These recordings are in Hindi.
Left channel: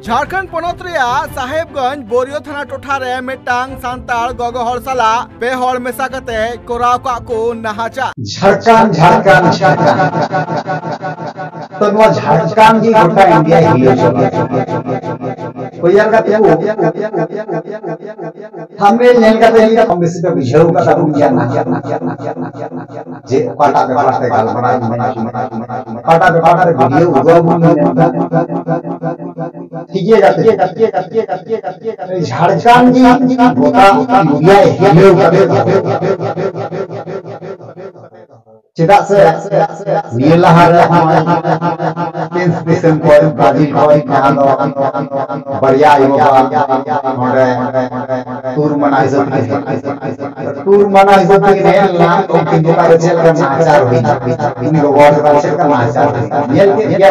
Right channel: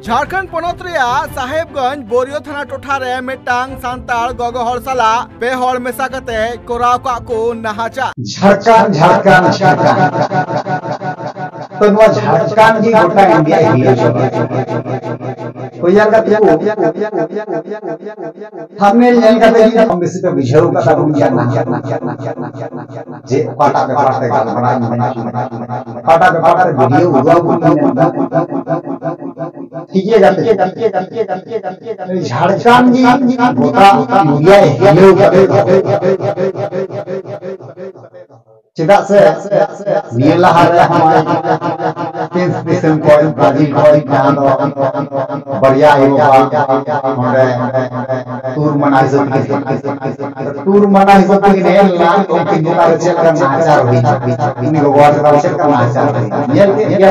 झारखंड पोनत साहेबगंज बोरियो थाना टोठा रे मिटांग सांताल गगो हर साला पे हर मेसा कते कोराव का को नहाचा झारखंड तो नवा झारखंड की गोटा इंडिया हिलो कोई यार का हमने नेल का तरीका हम बेसी पे बुझाऊ का तारू या ना जे पाटा पे पाटे गाल बड़ा पाटा पे पाटे वीडियो उगवा ठीक है झारखंड की गोटा इंडिया हिलो चेदा से नियला हारे पेंस दिसम को ब्राजील को जहां दो बढ़िया योगा नोडे टूर मना हिसाब के नेला ओके गोटा चल का आचार हुई इन को वर्ड का चल का आचार नेल के या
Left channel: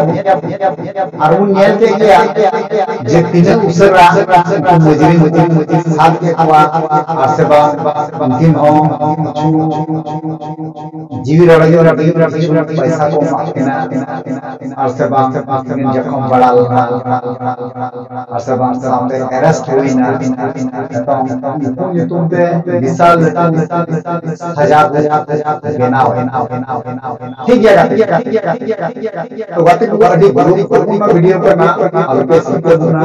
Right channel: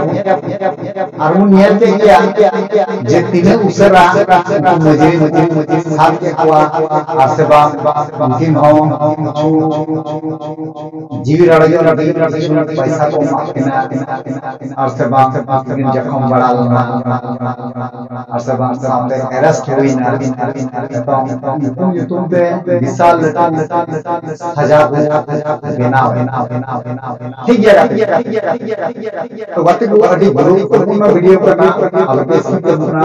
अरुण नेल के गया जे तीन उसरा मजरी साथ के कुआ आसेबा अंतिम हो जीवी पैसा को और से बात जखम बड़ा और से बात सामने अरेस्ट हुई ना तुम पे विशाल हजार बेना ठीक है तो बात को अभी ग्रुप को वीडियो करना और फेसबुक पे बुना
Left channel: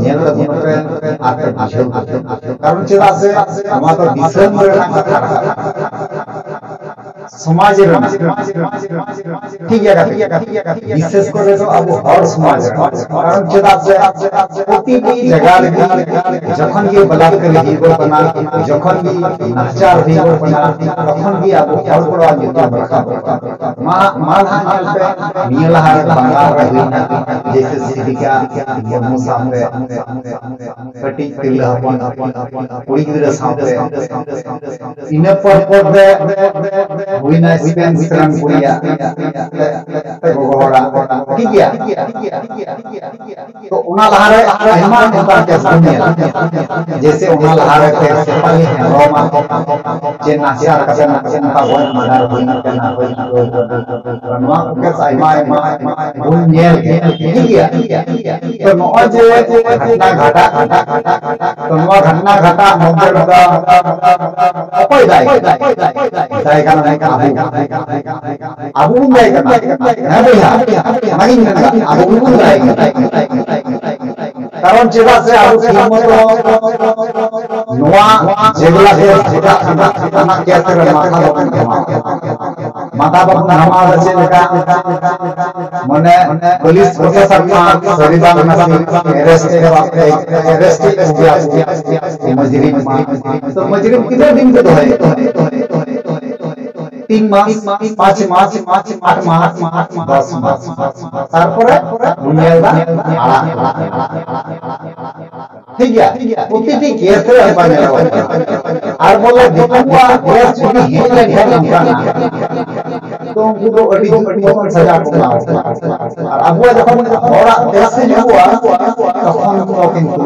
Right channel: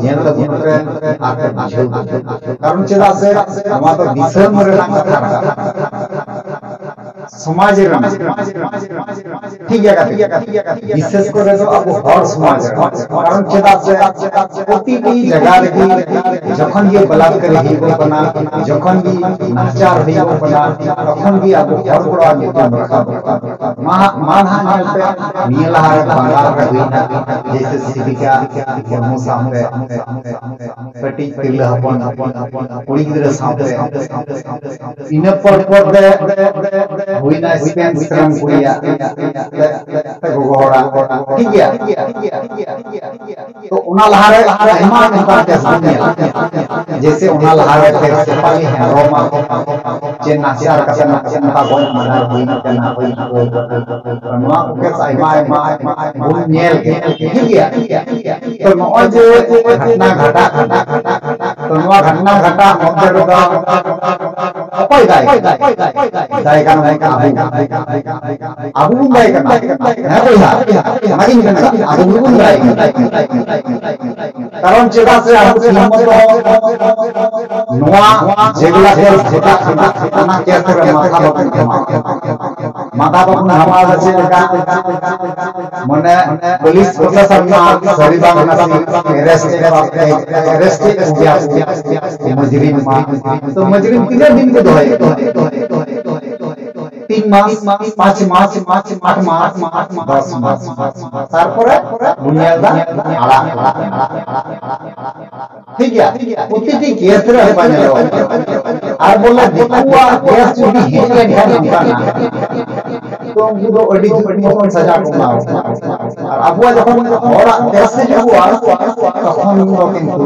नेल पे आके कारण चेदा से हमारा तो दिसम रे कथा समाज ठीक है विशेष करे तो अब हर समाज कारण चेदा से प्रति जगह लगी जखन ये बलात्कार हिगो बना जखन भी नाचार हिगो बना तखन भी अब हर बड़ा नियम रखा मानहा नेल पे नियला हारे बंगाल रे हुईना जैसे सिविका मुर्मू सामने कटी तिरला हपन कुड़ी गिदरा सामने इने पर दे हुईना स्पेन विक्रम कुड़िया ते गोगोड़ा ठीक है तो उना लहारे हेमा उनका के सामने जैसे उना लहारे पे सेपाली है रोमा जे नाचार कते नाचन का गोन मदार हुईना तना हुईना नवा के साइमा गुन नेल ठीक है तो नवा जे घटना घटा तो नवा घटना घटा मध्य दा अपाय दाय का abu bunday kana na boya magin kana abu bunday karon cheda se abu himmoto noa jegla hel jeta ana keatre matha babun namaz ache leka mone police प्रशासन मा सरिबाग नसी अरेस्ट दिया मजरिम तो मजरिम कितने दिन के दोहे 3 मास 5 मास 8 मास 10 मास तारपरे बुनियादा आला ठीक है प्रति केस रे बानेलो और बोले दिकुआ केस जुदी हेले निकाल तो उनको तो अड़ी मत सजा को ना और अब जखन होरा केस से जुआ तखन तो किंतु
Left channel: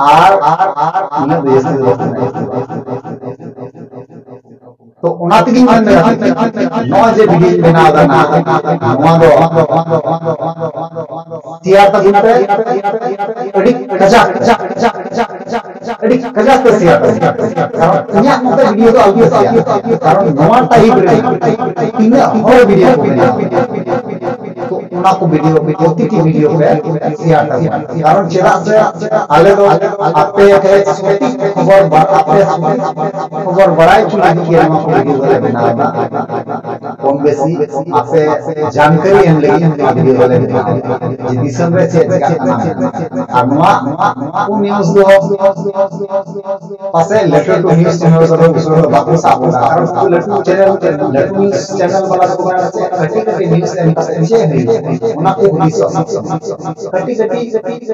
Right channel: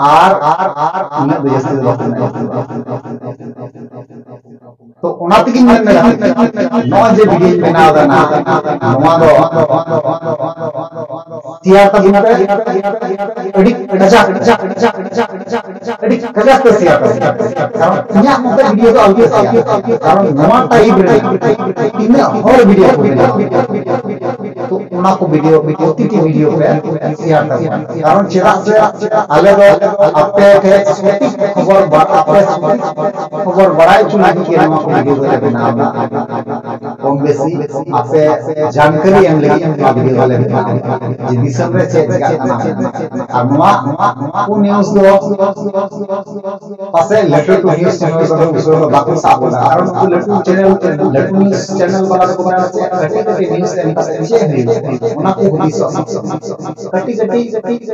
आर इन देश तो उनातगी नवा जे वीडियो बनाव दा ना नवा दो सियार ता बिना अड़ी कजा तो सियार कारण इया मत वीडियो तो आउट कारण नवा टाइप रे तीन और वीडियो को बना तो उना को वीडियो वीडियो पे सियार ता कारण चेदा से आले दो आपे के सटीक खबर बड़ाई चुना के वीडियो वाले बनाना कम बेसी आपे जानकारी हम लगी वीडियो वाले बनाना जे दिसम रे से अनवा को न्यूज़ दो पासे letter to news channel row उसरो Baku साबो कारण को लेटर न्यूज़ चैनल वाला को बनाना कटी न्यूज़ एम पासे है उना को हुदी कटी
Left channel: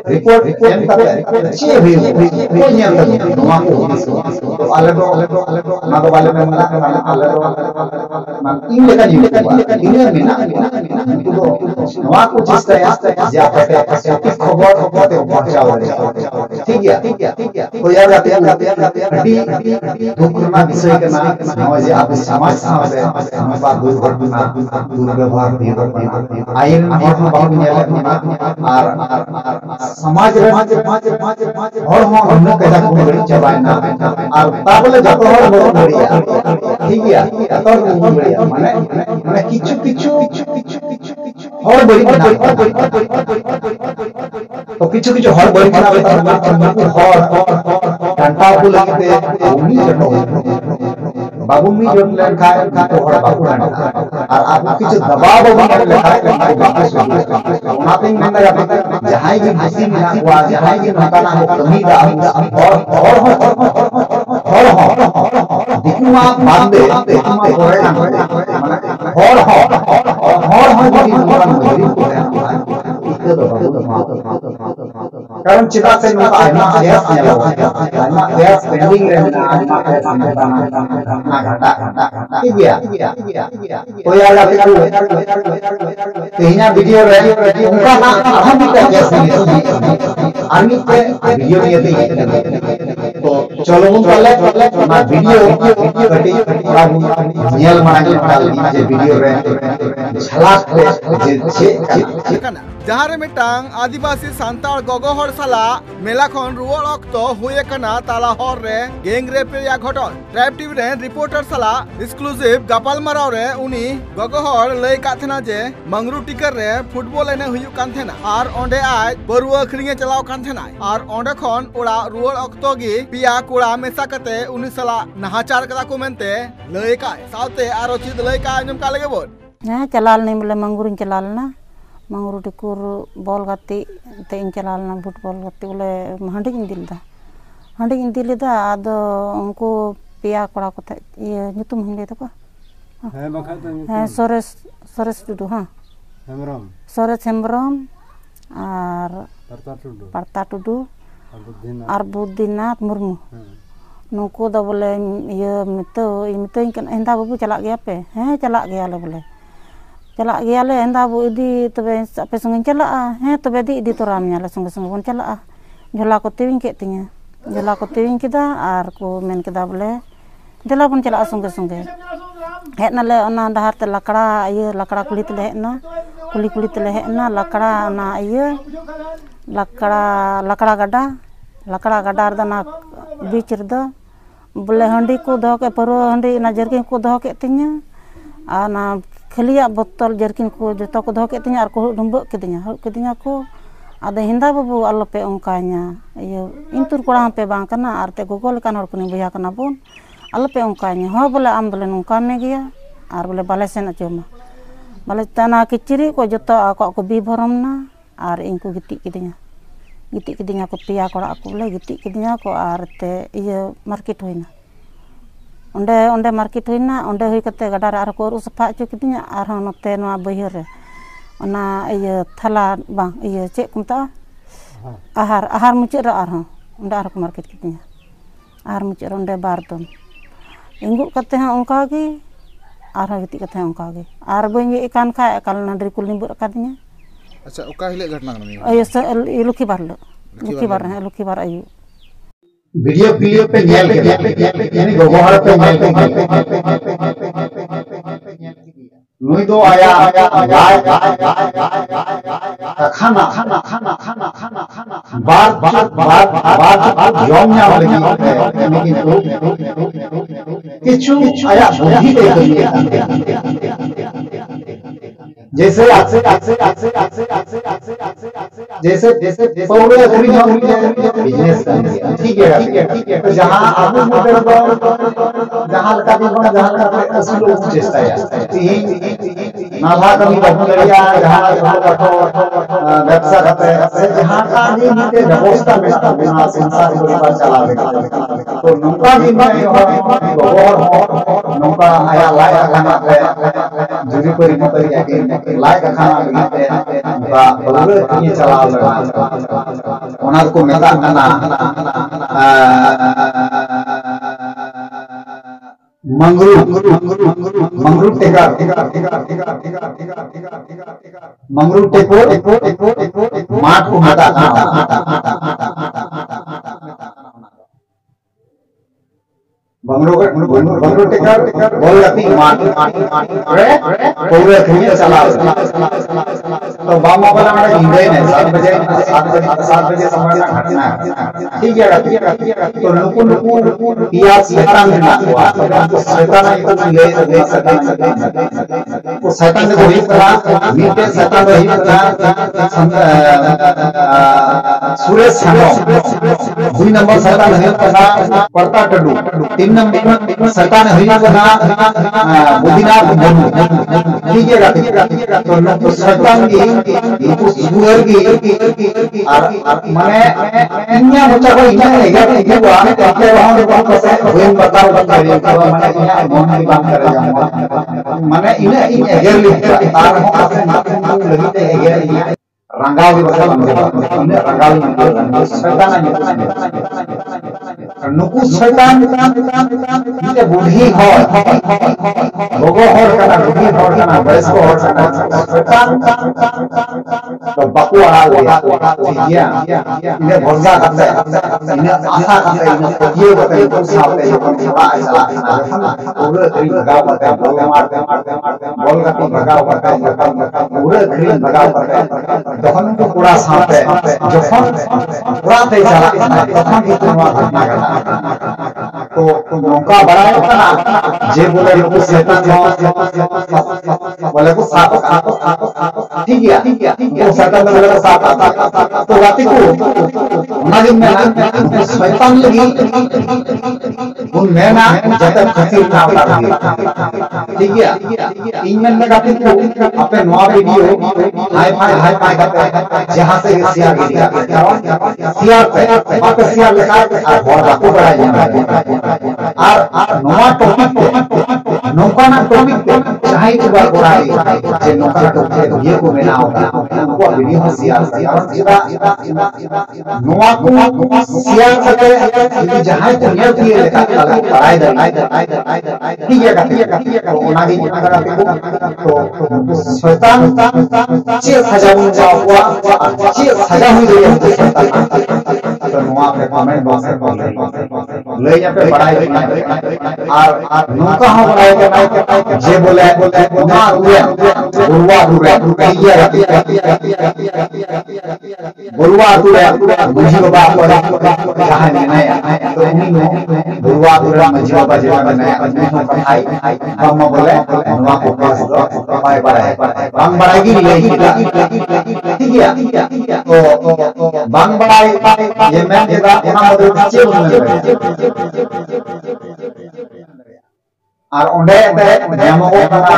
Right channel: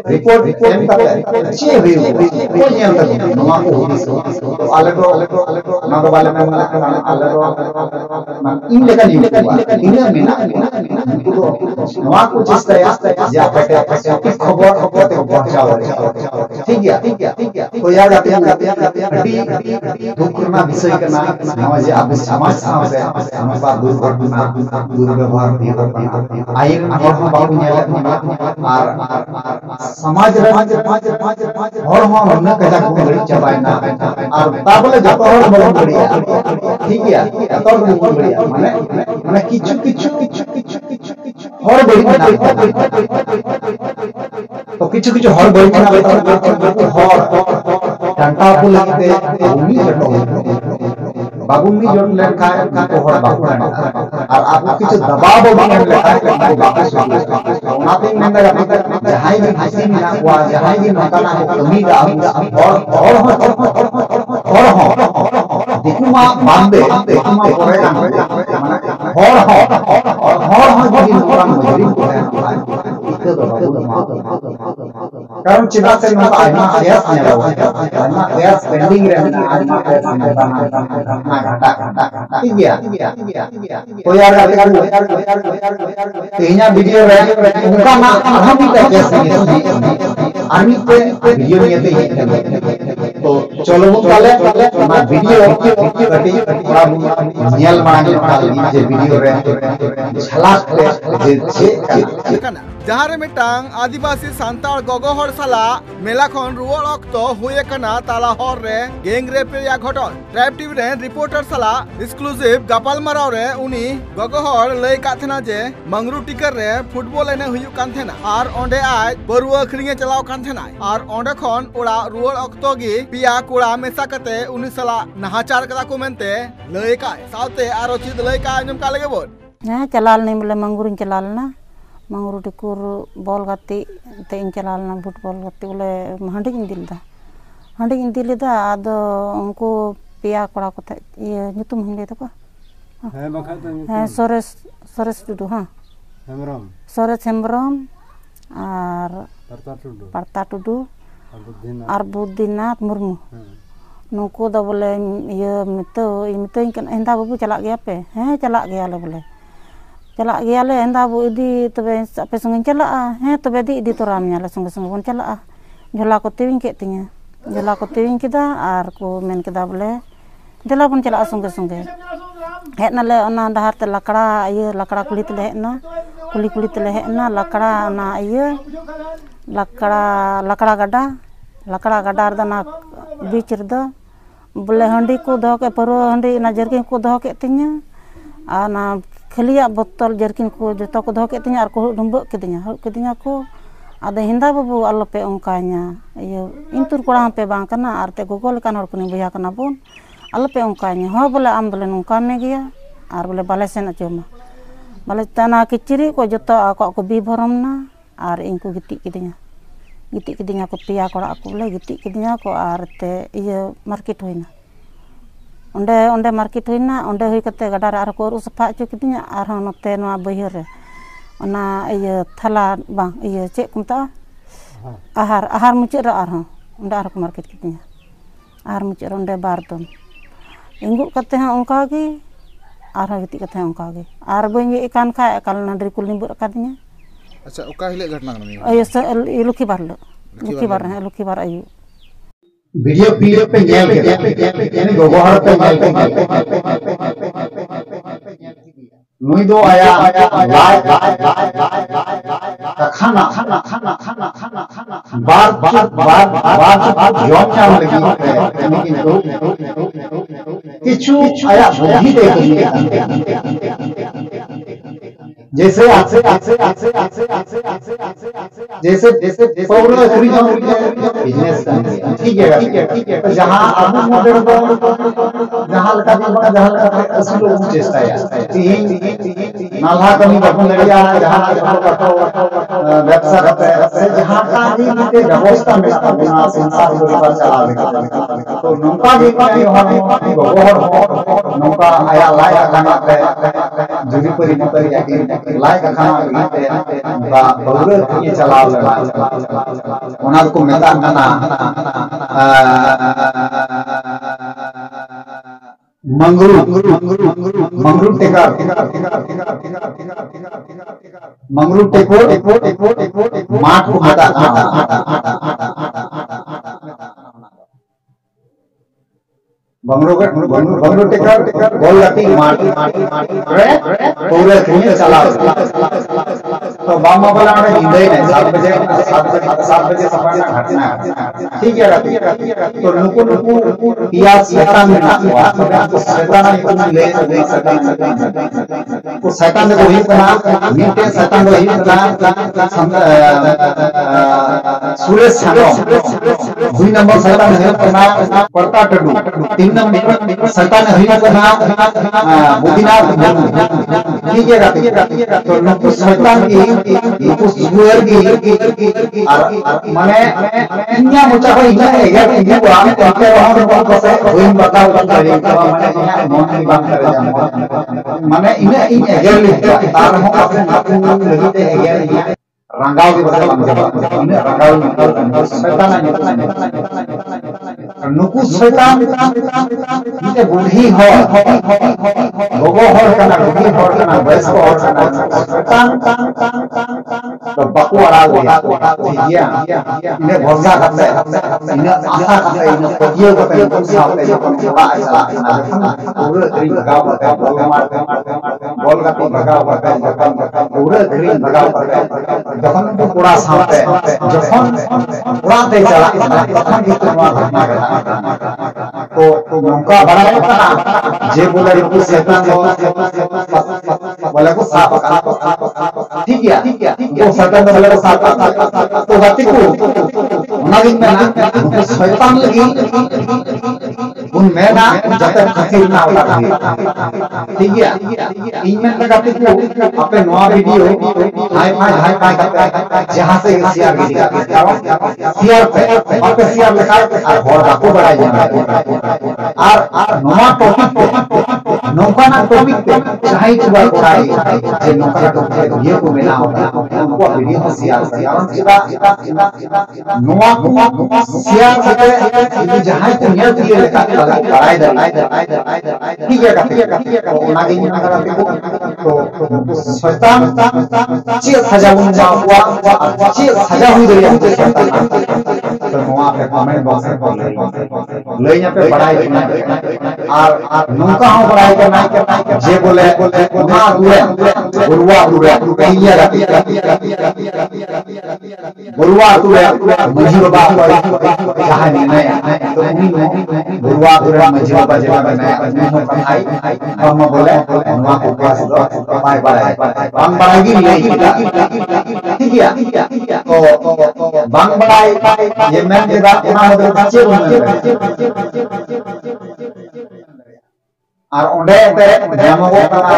रिपोर्ट एम तक अच्छे हुई को नेल तक नवा को हुदी तो आले तो ना तो वाले में आले तो इन लेका इन मिना नवा को चेष्टा या जे आपटे खबर पहुंचाओ ठीक गया तो यार अड़ी दुख रना विषय करना नवा जे अब समाज साथे नवा दुर्घटना दुर्व्यवहार आइन हर बाहु नेले आर समाज रे हर मन कदा को गड़ी चबायना आर ताबले जतो हर बड़ गड़िया ठीक गया तोर बड़ गड़िया माने किछु हर बड़ी तो किछु हर बड़ी ना हर डांटा को लगते भूमि जटो बाबुमी जट लेखा को हर बाकु डांटा और आपको किछु दबाव बाबू लेखा को बाकु ओनाते नंदा जहाई भी भाषी मिना हुआ जहाई भी नकाना को कमी दा और दिकुमा बांदे दिकुमा करे कान माने हर जदी नकान मजरी को इको दो बाबू कारण चिदा से नका आइमा गैस नेलो आइमा गैस पेंडिंग रे आइमा गैस ना घाटा ठीक गया तो यार गाते करू तेहिना वीडियो रे उनका ना हम भी गैस आर्मी पे वीडियो नियते तो चलो बुन ताले ना वीडियो कटी बाबू नेल माना के जे वीडियो रे झलक जे छे जहां रे मिटांग आदिवासी सांताल गगो हर साला मेला खन रुवाल अक्तो हुए कना ताला हर रे गैंग रेप या घटन ट्राइब टीवी रे रिपोर्टर साला एक्सक्लूसिव गपाल माराव रे उनी गगो हर लय का थना जे मंगरू टिकर रे फुटबॉल एने हुयु कान थेना आर ओंडे आज बरुआ खरिंगे चलाव कान थेना आर ओंडे खन ओड़ा रुवाल अक्तो गी पिया कोड़ा मेसा कते उनी साला नहाचार कदा को मेनते लय का सावते आरो चिद लय का आंजम का लगे बोल ना चलाल नहीं बोले मंगरू चलाल ना मंगरू टिकुर बॉल गाती ते इन चलाल ना फुटबॉल गाती बोले हांडी इन दिलदा आदो उनको पिया कोड़ा को ये nyutum हिंदे तो को है सोरेस टुडू हां सोरेस हेम्ब्रम और परता टुडू और बुद्धिनाथ मुर्मू नुको दो बोले ये मितो इंदा बाबू चला गया पे हैं चला गया ले बोले चला गया ले इंदा बाबू इदी तबे आपे संगे चला हैं तबे दी तोराम न्याले संगे बोन चला झोला को तेविंग के तिया झोला को तेविंग किदा आर को मेन किदा बोले देला बोन चला संगे हेना ले ओना डहार ते लकड़ा कुली ते हेना कुली ते हेना लकड़ा ना ये लकड़ा गड्डा रदा बीच रदा बोले हंडी को दो के परो हंडी ना जर्किन को दो के तिया आ ना खलिया बोतल जर्किन को जतो को दो के तिया आर को डुंब केदिया को आदे हिंदा बाबू आलोपे ओंका냐 ये इंतुर कोड़ा पे बांग कना आर ते गोगोल कान हर कोनी बया कना बोन आलोपे ओंका냐 हो बोले आम बोले नोंका मे गया आर बोले बाले सेन अचोमा बाले तना किचिरी को जतो को बी भरमना आर इनको गिटी किदिया को पिया कोड़ा को बोले गिटी किदिया को आर ते ये मार्केट होइना ओंडे मार्केट होइना ओंडे होई कते गडा रे आर को रु सफा अचो किदिया आर हो नते नवा बहिर रे ओना ये थाला बांग ये चेक कुमता आहार मुचे रे आर हो ओंडे आर को मार्केट किदिया आहार मुचे रे ओंडे बार दम इंगु कते हा ओंका गे आर हो गिटी कते ओंका गे आर बई एकान खा एकाल नडरी कुल निबुर कादिया अच्छा ओका हिले घटना कना ये लुखी बार आयु वीडियो पे नेल के यानी गोगोहर पे नेल के नुई दो आया लाइव खाना बार जॉम नाम लगी लेकिन तो किछु आया बुद्धि दे जैसे पौरे पूरी बिजनेस ठीक है तो जहां आबू मॉडल जहां लका भी बना जहां लका असली लोग चेष्टा है नाला कमी बाबू लड़िया जहां कठो व्यवसाय करते से जहां का भी नीते व्यवस्था मिला बिना संसार परिवार चलावे तो नौका भी गोहर नौका आया लाया खाना जुरी परी याकिन लाइक खाना रीते बा बौरे के चलाव ओना को मेता कना मंगरू टेकर मंगरू टेकोर माट को मेता बंगलो टेकर बॉल गति मार रे पूरे खेल चला तो बामा वाला हमारे हिंदे ने 7 बजे समय ना घटना ठीक है तो नुकु पिया शैतान में ना हुआ तो शैतान ले तो शैतान को ही बना मीटे शैतान को ही बना सुरेश छानो 2 नंबर शैतान है बना परता टडू 3 नंबर शैतान है बना बुद्धिनाथ ठीक है तो नुकु शैतान की नुकु सुअर की माने इन्या मुचा को इन्या है हुआ के वहां को से होइन बताओ करी माने इन्या मन की बात करे जा माने इन्या इन एगर लिखा तार हो अपने लगी ते एगर रंगाव की बता इन्या रंगाव शैतान नुकु शैतान इते बुढ़ी हो गोगो हर कना बुढ़ी हर कना बयस को हर कना शैतान तो बकु आड़ा गया इन्हें भरोसा करते इन्हें आशा करते इन्हें पतियों करते इनको सामने ये कौन बड़ा चला पूरे करीब भगाव करते बॉल मारते बॉल का पी भगाव करते पूरे करीब भगाव करते जखन तो पूरा सामने जखन उड़ाते चला तखन कितना घटना घटा तो नौका बड़ा होता जे बोले को शैतान बोले को साफ ठीक है तो शैतान बोले को साफ तो गति को उनागी में ना शैतान लगी उन में ना जब खसीर ना होता ठीक है इन में ना गति को अपने नया वीडियो हाई फाई करते जहां से शेयर गिरेगा शेयर पे आप शेयर लगा और बाको बढ़ाई और नया टॉपिक पे नौकाना टॉपिक पे चाहे तो बार बढ़ाई जे नौकाना टॉपिक ये को मेना होगा उनको वीडियो में शेयर कारण चिबा नोआ को शेयर करते यदि जहां तो नियर किए लेका बढ़ाई दे ठीक है तो उनागी तो शैतान चे सजा बन जावा चे सजा हुई दे शैतान तो नोआ पे कमेंट बॉक्स में ले यहाँ पे बढ़ाई और नौका हो बढ़ाई के नाई जे बोले ना दूरे गुरुआ दूरे कहिया गुरुआ दूरे मंजी बाबा जहां नहीं तो उन्हीं में गुरुआ दूरे मंजी बाबा जगह में नया उन्हीं को कहाई हम बोले नौका को पास दो पाए बढ़ाई बांग बढ़ाएगी ले ठीक है तो बांग बढ़ाई ये मैं जगह उना मदद चे और ओंडे ते नेमगो कना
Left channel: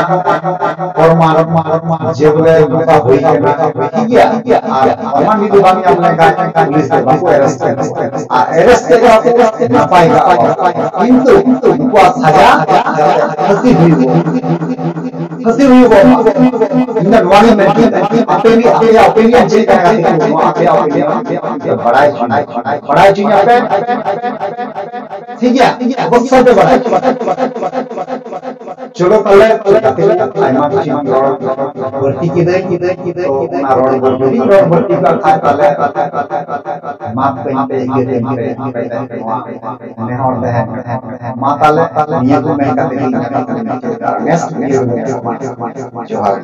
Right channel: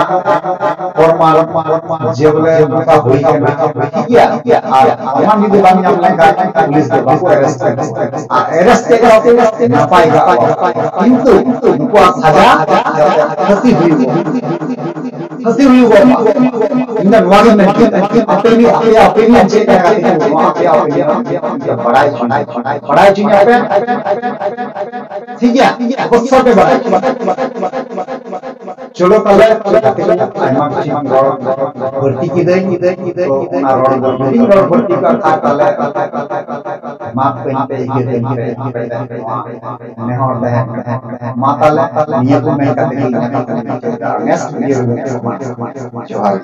फॉर्मा जे बोले नोका होई के ना ठीक है और मान भी बांग नाम लेगा पुलिस के बाको अरेस्ट के पाएगा किंतु उनको सजा फंसी हुई वो इन नवागी में अपनी ओपिनियन चेक करेगा आपके ओपिनियन बढ़ाई चुनिया पे ठीक है बक्सर पे बढ़ाई चलो तले आयमा किछि मन भर्ती की दे ना रोड भर्ती का था तले माप कहीं पे ये दे ने और दे माताले नियत में का देखी नेक्स्ट ये जोहार